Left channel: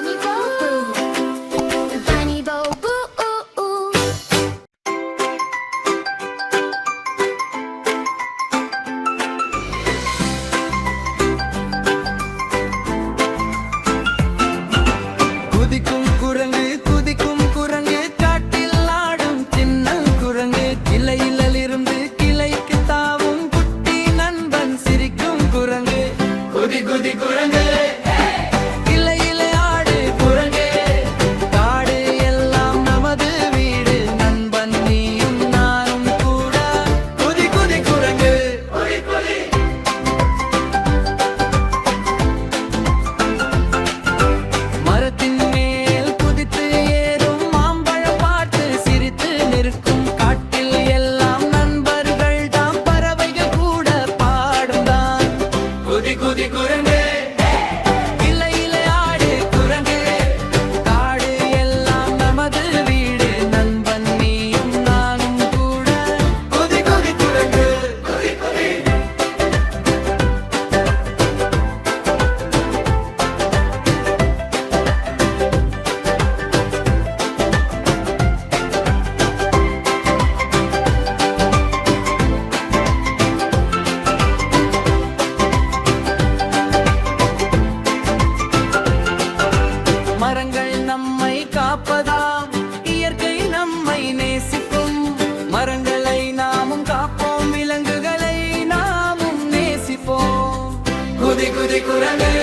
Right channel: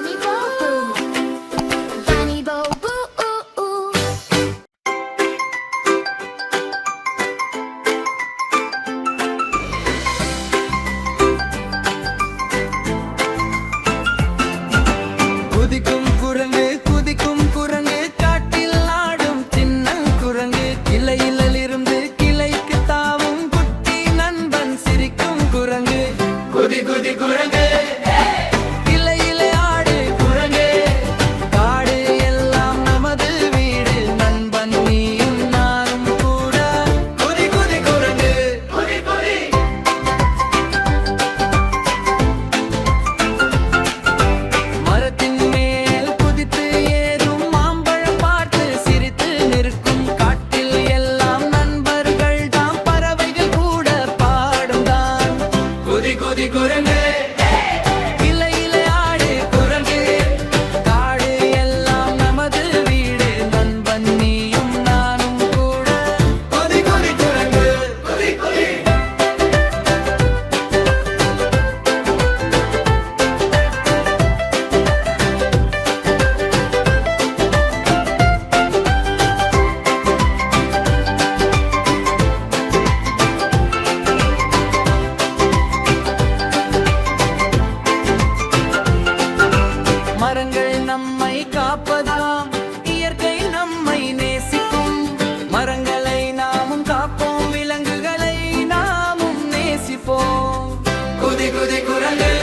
Bunny Boo Boo. Bunny Boo Boo. குதிக்கும் குரங்கு காட்டில் ஆடும் சின்ன குரங்கு கிளையிலிருந்து கிளைக்கு தாவும் குட்டி நண்பன் சிரிக்கும் குரங்கு குதி குதி குரங்கு கிளையிலே ஆடு குரங்கு காடு எல்லாம் நமது வீடு நண்பன் நீயும் நானும் கூட குதி குதி குரங்கு மரத்தின் மேல் குதித்து ஏறும் மாம்பழம் பார்த்து சிரித்து நிற்கும் காட்டில் எல்லாம் நண்பர்கள் தாம் பறவைகள் கூட பாடும் தான் குதி குதி குரங்கு கிளையிலே ஆடு குரங்கு காடு எல்லாம் நமது வீடு நண்பன் நீயும் நானும் கூட குதி குதி குரங்கு குதி குதி மரங்கள் நம்மை காப்பதாம் இயற்கை நம்மை நேசிக்கும் மரங்களை நாமும் காப்போம் விலங்குகளை நாமும் நேசிப்போம் குதி குதி குரங்கு